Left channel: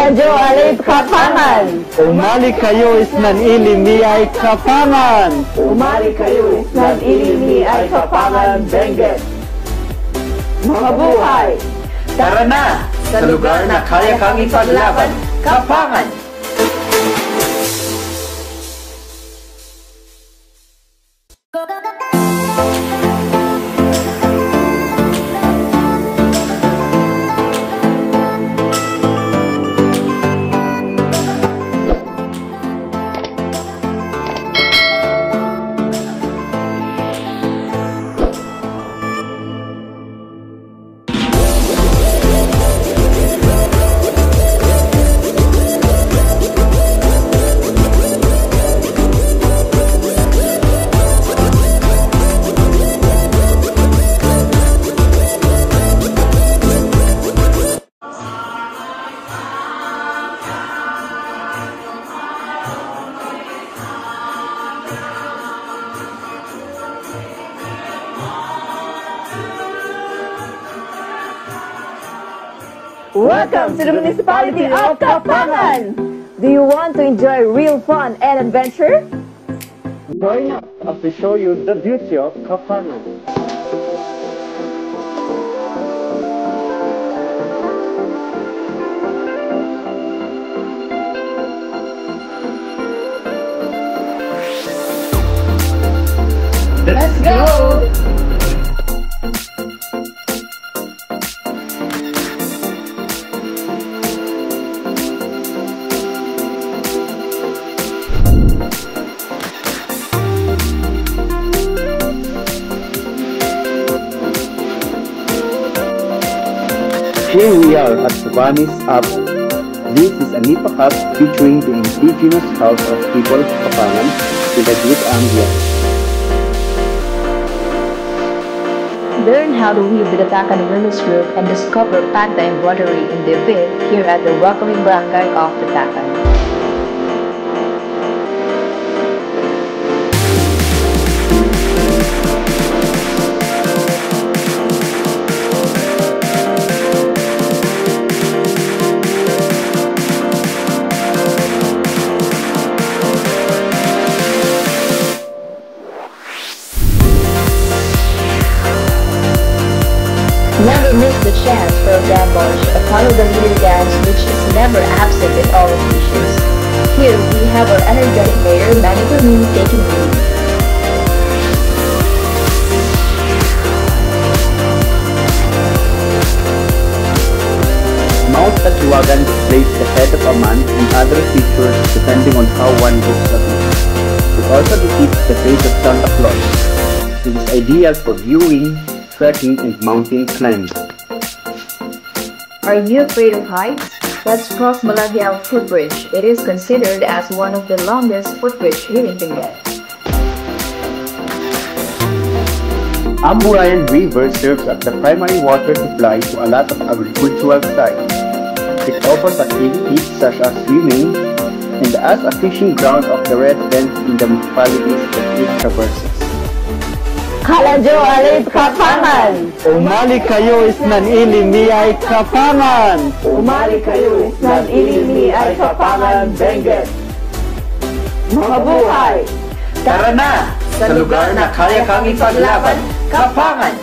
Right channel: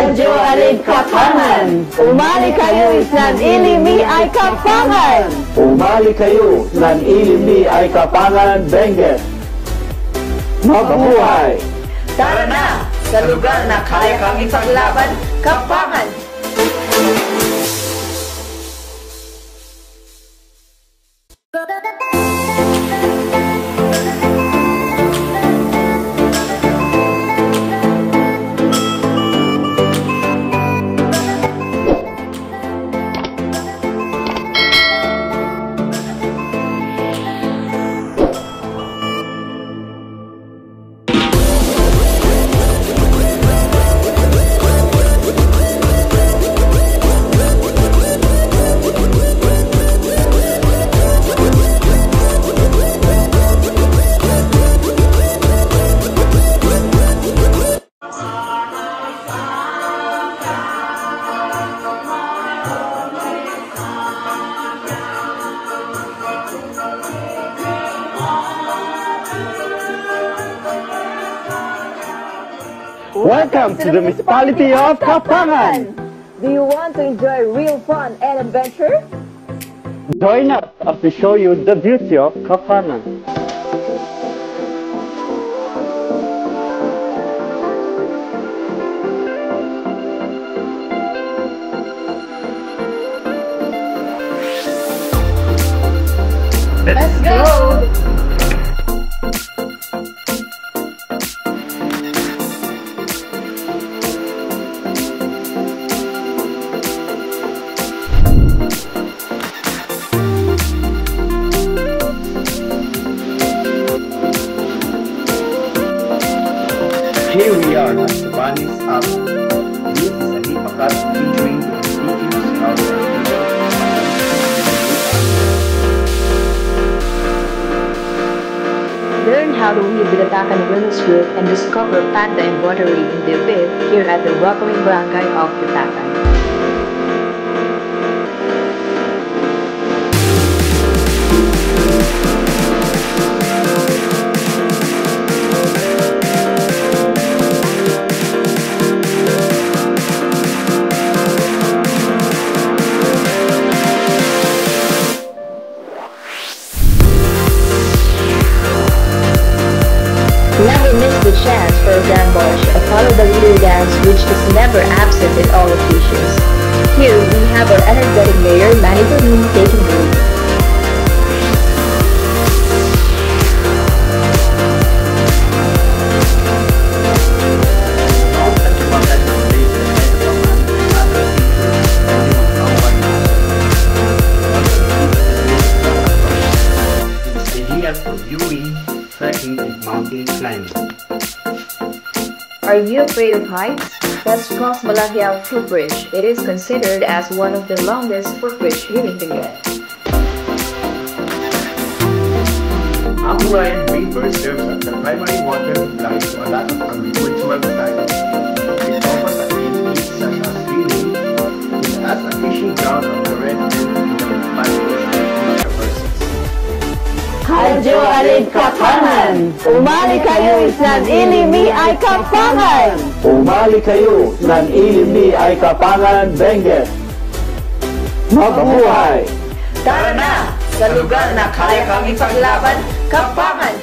Kajualit Kapangan! Umali kayo, isnan ini ay Kapangan! Umali kayo, isnan ini ay Kapangan, Benguet! Mabuhay! Tara na! Sa lugar na kaya kang ipaglaban, Kapangan! Welcome to the municipality of Kapangan! Do you want to enjoy real fun and adventure? Join us as we show you the beauty of Kapangan. Let's go! Here we are at the Banis Up. This is a Nipa Cup featuring the indigenous house of people of Kapangan with a good angle. Learn how to weave the Takan women's group and discover panda embroidery in the bit here at the welcoming barangay of the Takan. Never miss the chance for a gambosh, a follow the leader dance which is never absent in all occasions. Here we have our energetic mayor Manny Bermin taking the lead. Mount Katuwagan displays the head of a man and other features depending on how one looks at it. It also depicts the face of Santa Claus. It is ideal for viewing, trekking and mountain climbing. Are you afraid of heights? Let's cross Malagyao Footbridge. It is considered as one of the longest footbridge here in Benguet. Amburayan River serves as the primary water supply to a lot of agricultural sites. It offers activities such as swimming and as a fishing ground of the residents in the municipalities that it traverses. Kajualit Kapangan! Umali kayo, isnan ini ay Kapangan! Umali kayo, isnan ini ay Kapangan, Benguet! Mabuhay! Tara na! Sa lugar na kaya kang ipaglaban, Kapangan!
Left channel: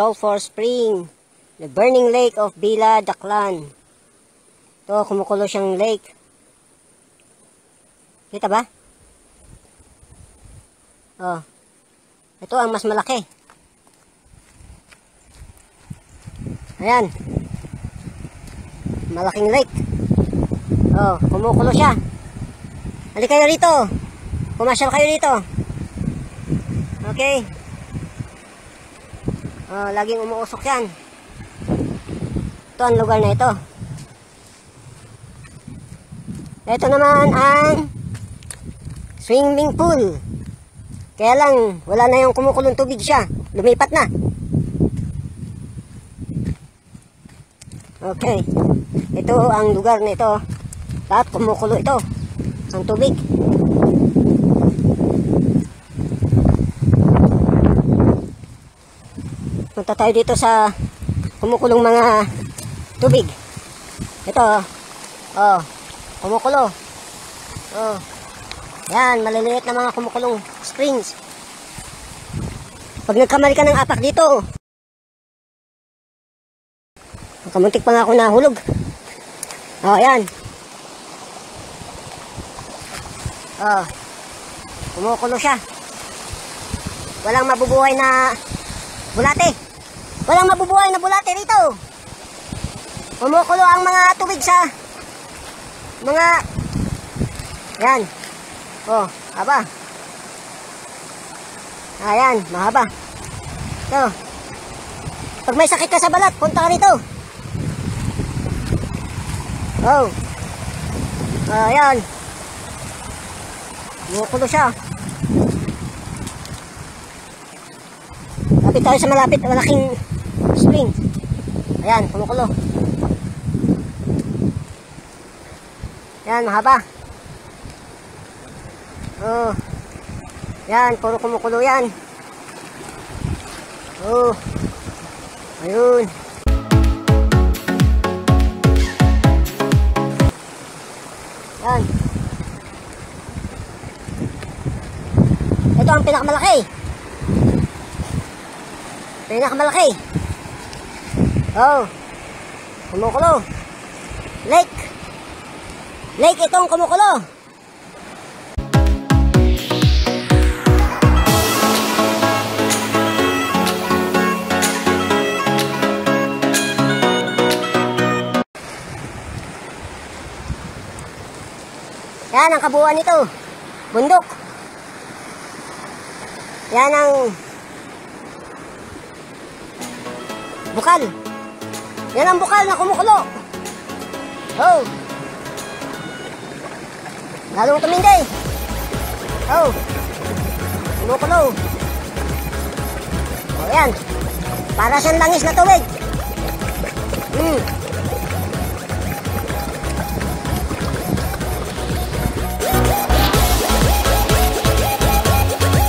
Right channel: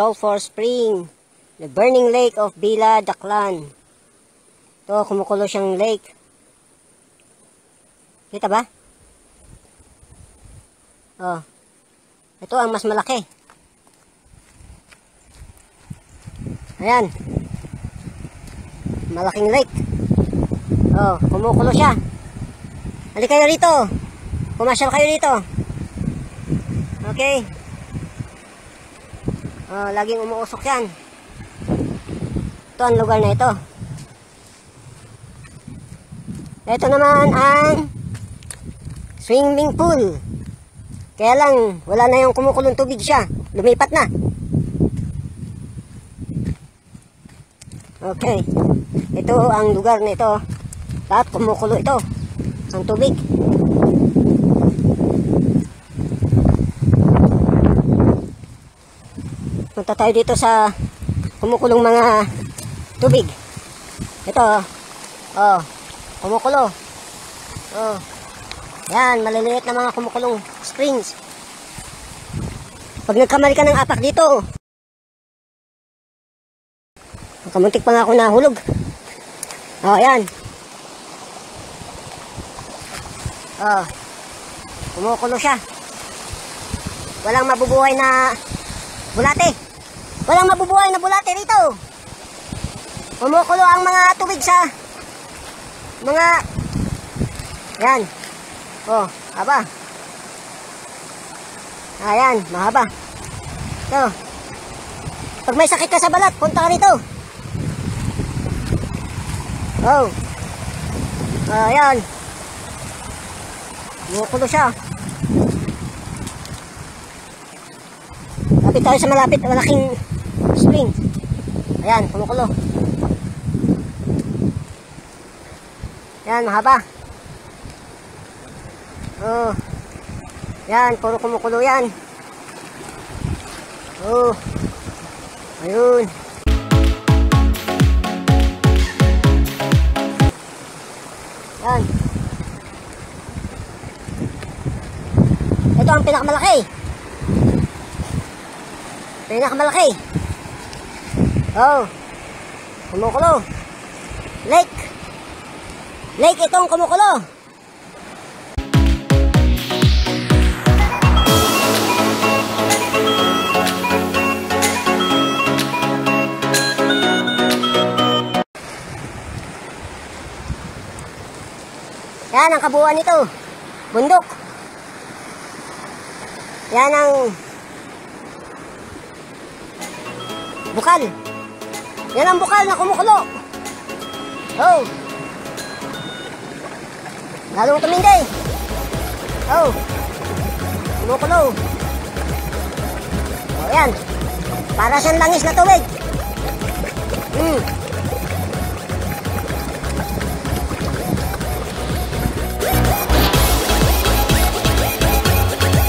Sulphur Spring, the burning lake of Bila Daklan. Ito, kumukulo siyang lake. Kita ba? Oh. Ito ang mas malaki. Ayan. Malaking lake. Oh, kumukulo siya. Halika kayo rito. Pumasyal kayo rito. Okay. Oh, laging umuusok yan. Ito ang lugar na ito. Ito naman ang swimming pool. Kaya lang, wala na yung kumukulong tubig siya. Lumipat na. Okay. Ito ang lugar na ito. At kumukulo ito. Ang tubig. Punta tayo dito sa kumukulong mga tubig. Ito. Oh. Kumukulo. Oh. Yan, maliliit na mga kumukulong springs. Pag nagkamali ka ng apak dito, kamuntik pa nga ako nahulog. Oh, yan. Oh. Kumukulo siya. Walang mabubuhay na bulate. Walang mabubuhay na bulate rito. Kumukulo ang mga tubig sa mga yan. Oh, haba. Ayan, mahaba. Ito. Pag may sakit ka sa balat, punta ka rito. Oh. Ayan. Kumukulo siya. Lapit tayo sa malaking spring. Ayan, kumukulo. Yan, mahaba. Oh. Yan, puro kumukulo yan. Oh. Ayun. Yan. Ito ang pinakamalaki. Pinakamalaki. Oh. Kumukulo. Lake. Lake itong kumukulo. Yan ang kabuuan nito. Bundok. Yan ang bukal. Yan ang bukal na kumukulo. Oh. Lalong tumindi. Oh. Kumukulo. Oh, yan. Para siyang langis na tubig.